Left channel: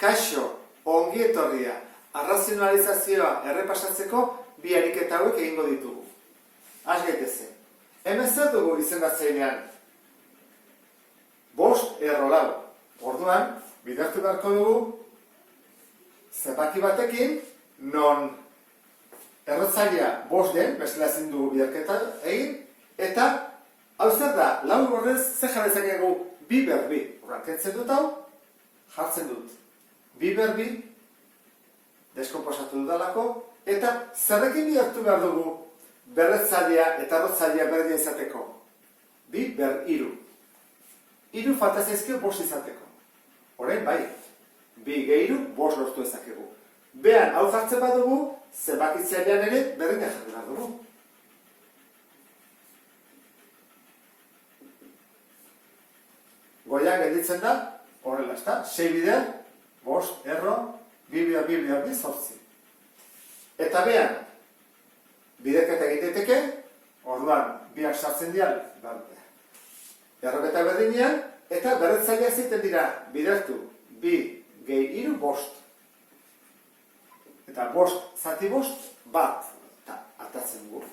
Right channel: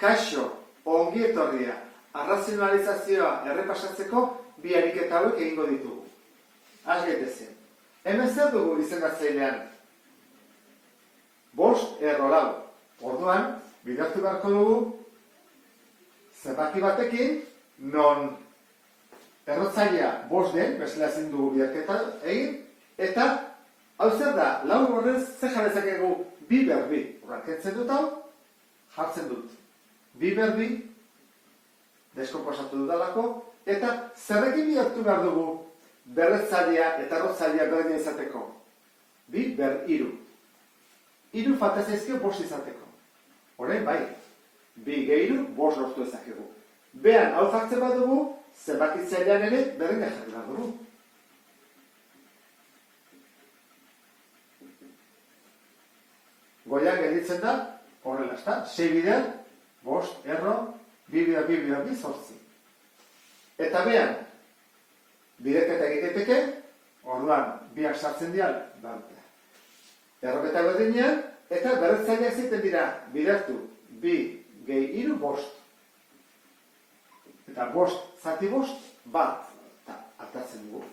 Kaixo, ongi etorria, arrazionalizazioa errepasatzeko bi ariketa hauek egingo ditugu. Has gaitezen. Hemen zer dugu izendatzailean? 5 erro 4. Orduan, bidertu beharko dugu zenbaki batekin non errotzailea 5 den, bezala ezin dugu biderketa egin, eta hau zer da, 4 horrez zer jarri dezakegu bi berbi. Horran, kentzen dut hau, jartzen dut. Bi berbi, deskomposatu dudalako, eta zerrekin bidertu behar dugu berretzailea eta errotzailea berdina izateko? Bi ber 3. 3 falta zaizkio 5 izateko. Orain bai, 2 gehiru 5 lortu ezakegu. Behan, hau jartzen badugu, zenbakitzailean ere berdina jarri behar dugu. Goian gelditzen da, horrela, ezta? 6 bider, 5 erro, 2 bider, 2 bider, 2 zortzi. Eta behan, biderketa egiteke, orduan, biak sartzen dial, erroketa berdinean, eta berretzaileak ziten dira, bidertu, 2 gehi 3, 5. Eta 5 zati 5, bat, eta atatzen dugu.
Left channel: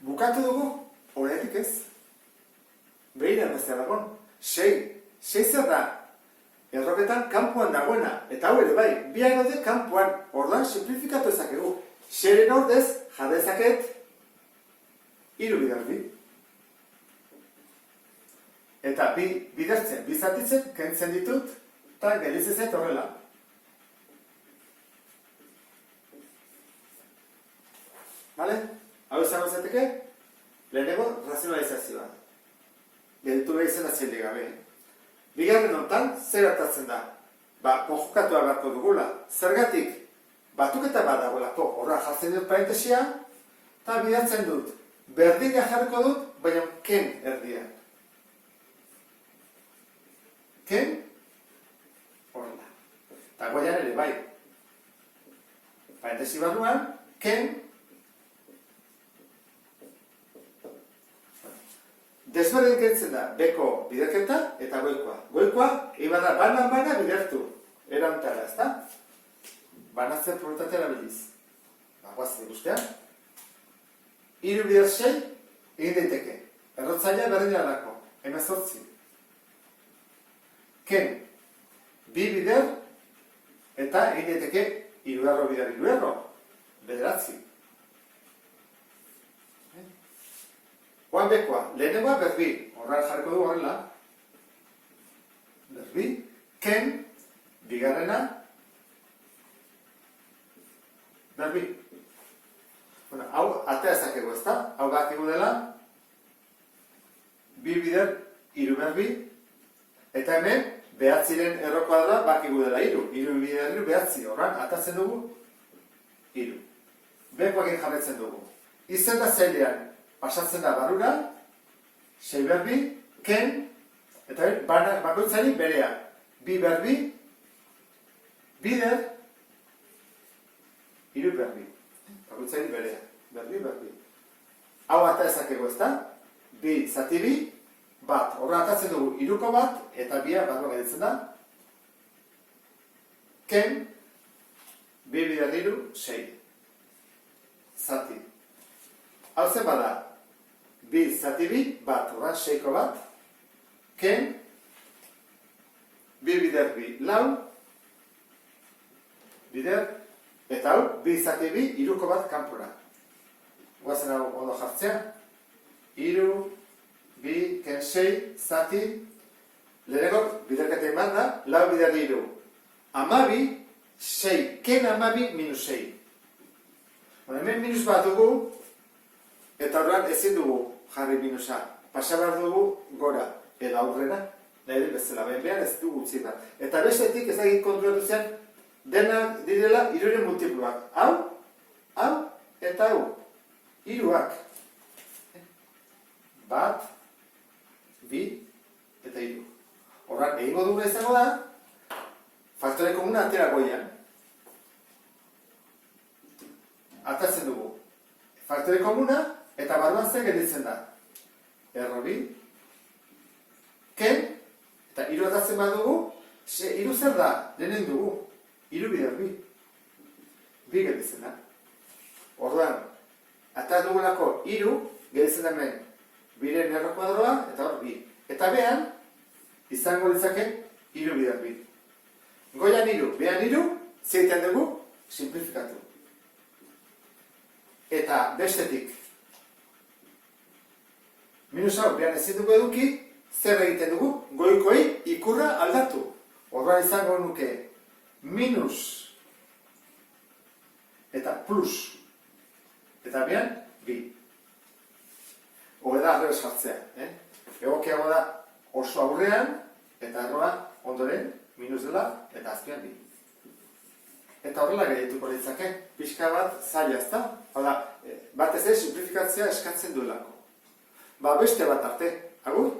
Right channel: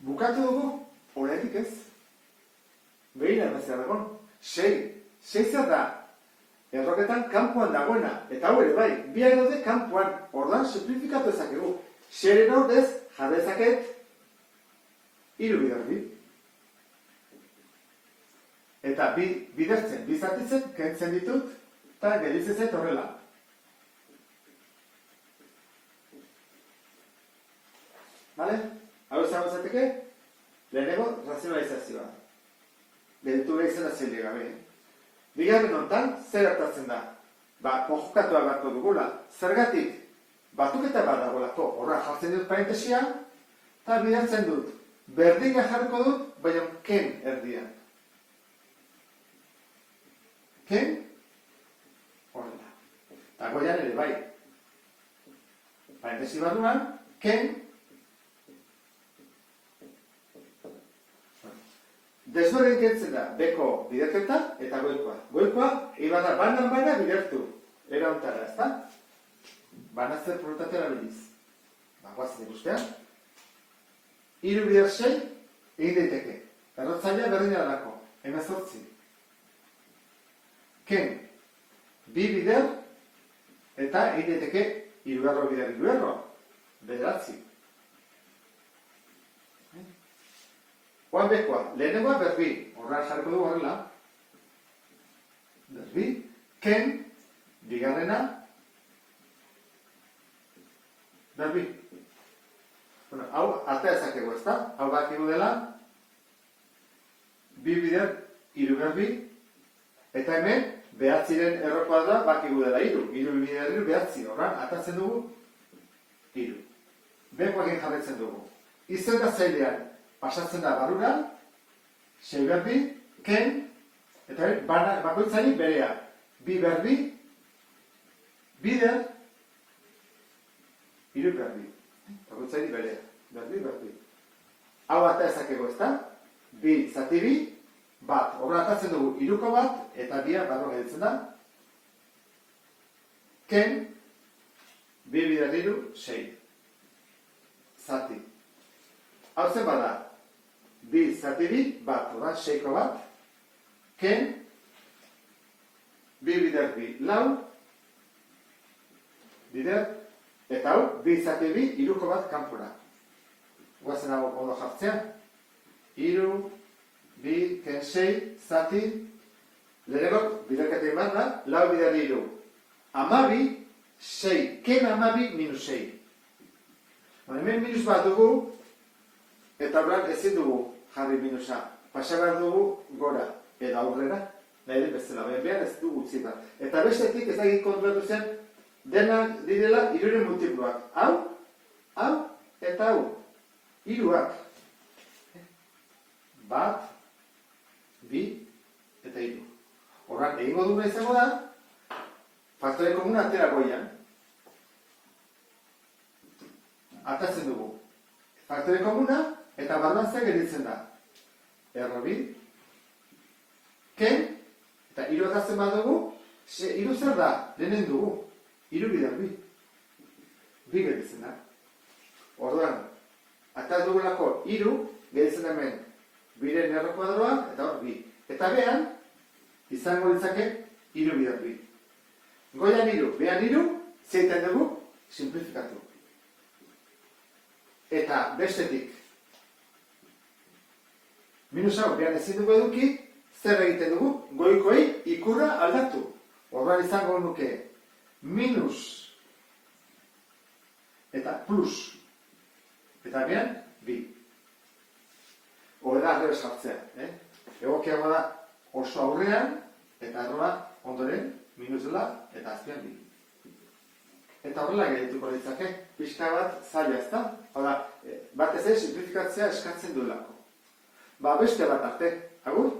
Bukatu dugu, horretik ez. Behira bezala dagoen. 6 zer da, erroketan kanpoan dagoena. Eta hau ere bai, biak daude kanpoan. Orduan, simplifikatu ezakegu. 6-ren ordez, jadezaket 3 bider 2. Eta bidertzen, bizatitzen, kentzen ditut, eta gelditzen horrela. Bale? Hau ezago izateke, lehenengo razionalizazioa. Gelditu behar izendatzen gabe. Bigarren honetan, zer hartatzen da? Konjukatua beharko dugula. Zergatik, batuketa bat dagoelako, horra jartzen dut parentesia, eta bidertzen dut. Berdina jarriko dut, baina ken erdian. Ken, horrela. Eta goian ere bai. Parentesi barruan, ken, desberdin kentzen da, beko biderketa eta goikoa. Goikoa, ibada bana bidertu. Erantara, ezta? Banatzen probabilitatea erabiliz. Guazen ikustean. 3 bider 6, egin daiteke. Errotzailea berdina dalako. 18. Ken, 2 bider, eta egin daiteke 3 erro bider 3 erro. 9. Oan bekoa, lehenengoa berbi, horra jarriko dugu horrela. Berbi, ken, bigarrena, berbi. Bueno, hau, atea ezakegu ezta? Hau bakigu dela, 2 bider, 3 berbi, eta hemen, 9-ren erro kuadra bakigu dela 3. 3 bider 3, 9, horran, atatzen dugu, 3. Bekoakin jarretzen dugu. Izendatzailean, pasatzen da barrura, 6 berbi, ken, eta bakoitzari berea. 2 berbi, bider, 3 berbi. Bakoitzari berea. Berbi. Hau ata ezakego ezta? 2 zati 2, bat. Horra atatzen dugu 3ko bat, eta 2 barruan gelditzen da. Ken, 2 bider 3, 6. Zati. Hau zen bada, 2 zati 2, bat, horra, 6ko bat, ken, 2 bider 2, 4, bider, eta hau, 2 zati 2, 3ko bat kanpora. Guazen hau ondo jartzea, 3, 2, ken 6, zati, lehenengo biderketa iman da, 4 bider 3, 12, 6, ken 12 minus 6. Hemen minus bat dugu, eta horrean ezin dugu jarri minusa. Pasa behar dugu gora, edo aurrera, nahi bezala, behar ez dugu utzi bat. Eta bestetik ez egin kontrolatu zen, dena direla 3-ren multipluak. Hau, eta hau. 3ak. Bat, 2, eta 3. Horrean, egingo dugu izango da, faktore komuna atera goian. Atatzen dugu. Faktore komuna, eta barruan zer gelditzen da. errobi, ken, eta iru atatzen badugu, iru zer da, lehenen dugu, iru bider bi. Bi gelitzen da. Orduan, ataz dugulako iru, gelitzen hemen, biren erro kuadroa, eta hor bi. Eta behan, izango ditzake, iru bider bi. Goian iru, behan iru, zeiten dugu, simplifikatu. Eta bestetik, minus hau, behan ezin dugu eduki, zer egiten dugu, goikoi ikurra aldatu. Orduan izango nuke, minus, eta plus, eta behan, bi. Hore da, arrebes jartzea. Egokiago da, oso aurrean, eta arroa ondoren, minus dela, eta azpian bi. Eta horrela gerituko ditzake, pixka bat zaila ezta? Hala, batez ez simplifikatzea eskatzen duelako. Beste bat arte, agur?